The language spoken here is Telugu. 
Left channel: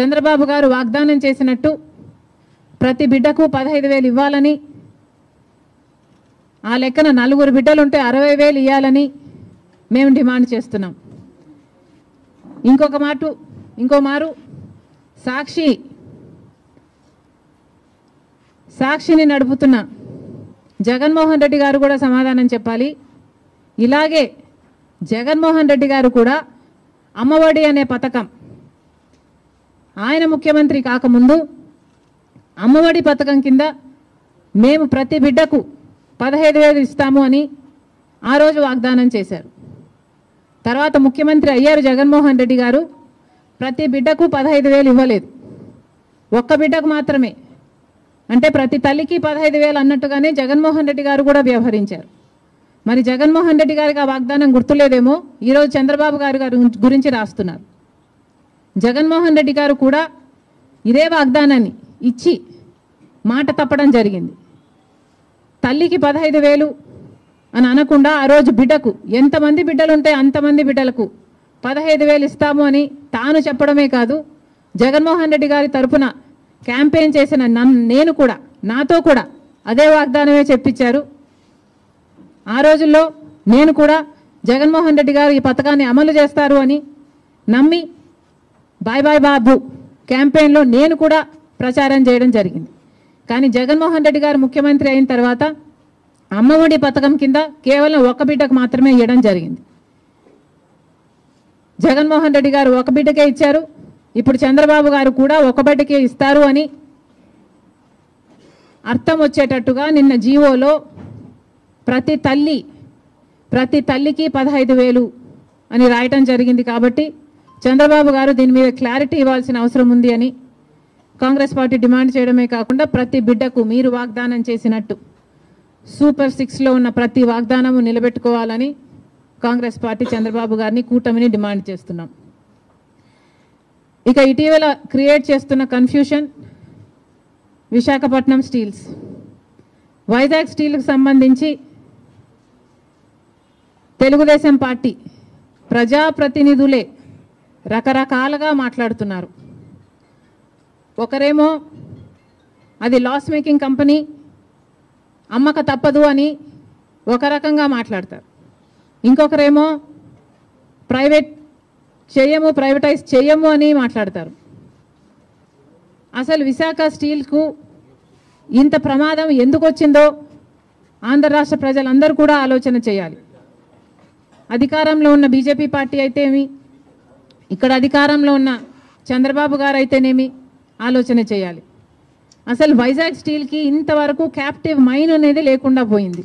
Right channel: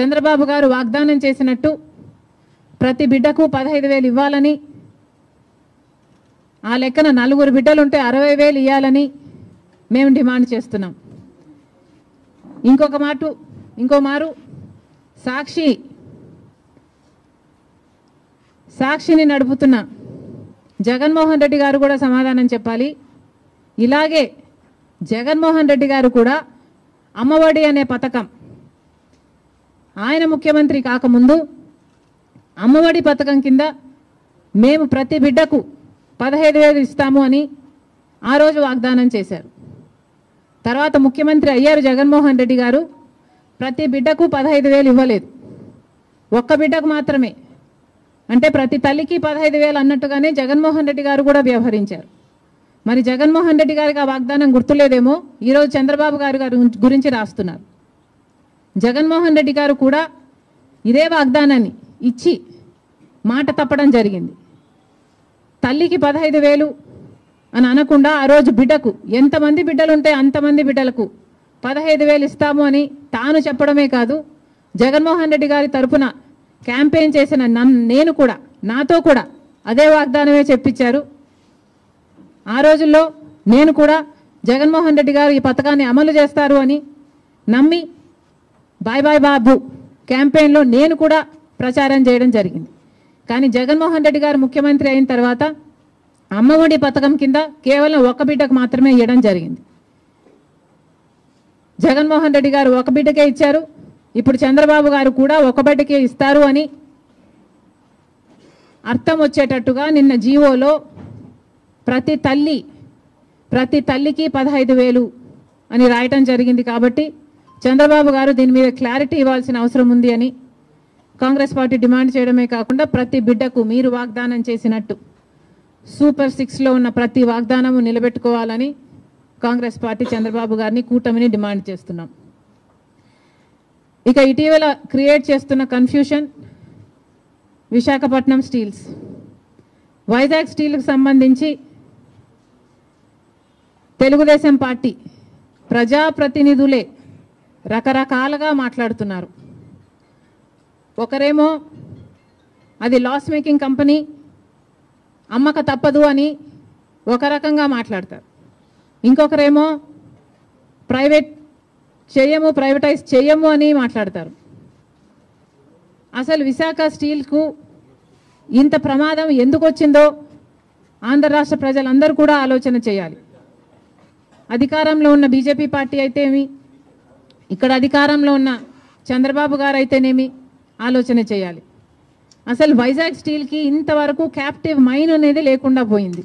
చంద్రబాబు గారు వాగ్దానం చేసినట్టు ప్రతి బిడ్డకు 15,000 ఇవ్వాలని, ఆ లెక్కన 4 బిడ్డలుంటే 60,000 ఇవ్వాలని మేము డిమాండ్ చేస్తున్నాం. ఇంకో మారు సాక్షిని నడుపుతున్న జగన్మోహన్ రెడ్డి గారు కూడా సమాధానం చెప్పాలి. ఇలాగే జగన్మోహన్ రెడ్డి గారు కూడా అమ్మఒడి అనే పథకం ఆయన ముఖ్యమంత్రి కాకముందు అమ్మఒడి పథకం కింద మేము ప్రతి బిడ్డకు 15,000 ఇస్తాము అని ఆ రోజు వాగ్దానం చేశారు. తర్వాత ముఖ్యమంత్రి అయ్యారు జగన్మోహన్ రెడ్డి గారు. ప్రతి బిడ్డకు 15,000 ఇవ్వలేదు, ఒక్క బిడ్డకు మాత్రమే. అంటే ప్రతి తల్లికి 15,000 అన్నట్టుగానే జగన్మోహన్ రెడ్డి గారు కూడా వ్యవహరించారు. మరి జగన్మోహన్ రెడ్డి గారికి ఆ వాగ్దానం గుర్తులేదేమో ఈరోజు చంద్రబాబు గారి గురించి రాస్తున్నారు. జగన్మోహన్ రెడ్డి గారు కూడా ఇదే వాగ్దానాన్ని ఇచ్చి మాట తప్పడం జరిగింది. తల్లికి 15,000 అని అనకుండా ఆ రోజు బిడ్డకు ఎంతమంది బిడ్డలుంటే అంతమంది బిడ్డలకు 15,000 ఇస్తాము అని తాను చెప్పడమే కాదు, జగన్మోహన్ రెడ్డి గారి తరఫున క్యాంపెయిన్ చేసిన నేను కూడా నాతో కూడా అదే వాగ్దానమే చెప్పించారు. ఆ రోజుల్లో నేను కూడా జగన్మోహన్ రెడ్డి గారు ఈ పథకాన్ని అమలు చేస్తారు అని నమ్మి బాయ్ బాయ్ బాబు క్యాంపెయిన్లో నేను కూడా ప్రచారం చేయడం జరిగింది. కానీ జగన్మోహన్ రెడ్డి గారు ముఖ్యమంత్రి అయిన తర్వాత అమ్మఒడి పథకం కింద కేవలం ఒక బిడ్డకు మాత్రమే ఇవ్వడం జరిగింది. జగన్మోహన్ రెడ్డి గారు ఒక బిడ్డకే ఇచ్చారు. ఇప్పుడు చంద్రబాబు గారు కూడా ఒక బిడ్డకే ఇస్తారు అని అర్థం వచ్చేటట్టుగా నిన్న జీవోలో ప్రతి తల్లికి 15,000 అని రాయటం జరిగింది. కాబట్టి చంద్రబాబు గారు దీని మీద క్లారిటీ ఇవ్వాల్సిన అవసరం ఉంది అని కాంగ్రెస్ పార్టీ డిమాండ్ చేయడమే కాకుండా ప్రతి బిడ్డకు మీరు వాగ్దానం చేసినట్టు సూపర్ 6లో ఉన్న ప్రతి వాగ్దానము నిలబెట్టుకోవాలని కాంగ్రెస్ పార్టీ చంద్రబాబు గారిని కూటమిని డిమాండ్ చేస్తున్నాం. ఇక ఇటీవల క్రియేట్ చేస్తున్న కన్ఫ్యూషన్ విశాఖపట్నం స్టీల్స్, వైజాగ్ స్టీల్కి సంబంధించి తెలుగుదేశం పార్టీ ప్రజాప్రతినిధులే రకరకాలుగా మాట్లాడుతున్నారు. ఒకరేమో అది లాస్ మేకింగ్ కంపెనీ, అమ్మక తప్పదు అని ఒక రకంగా మాట్లాడతారు. ఇంకొకరేమో ప్రైవేటైజ్ చేయము అని మాట్లాడతారు. అసలు విశాఖ స్టీల్కు ఇంత ప్రమాదం ఎందుకు వచ్చిందో ఆంధ్ర రాష్ట్ర ప్రజలందరూ కూడా ఆలోచన చేయాలి. అధికారంలో ఉన్న బీజేపీ పార్టీ అయితేమి, ఇక్కడ అధికారంలో ఉన్న చంద్రబాబు గారు అయితేనేమి ఆలోచన చేయాలి. అసలు వైజాగ్ స్టీల్కి ఇంతవరకు క్యాప్టివ్ మైన్ అనేది లేకుండా పోయింది.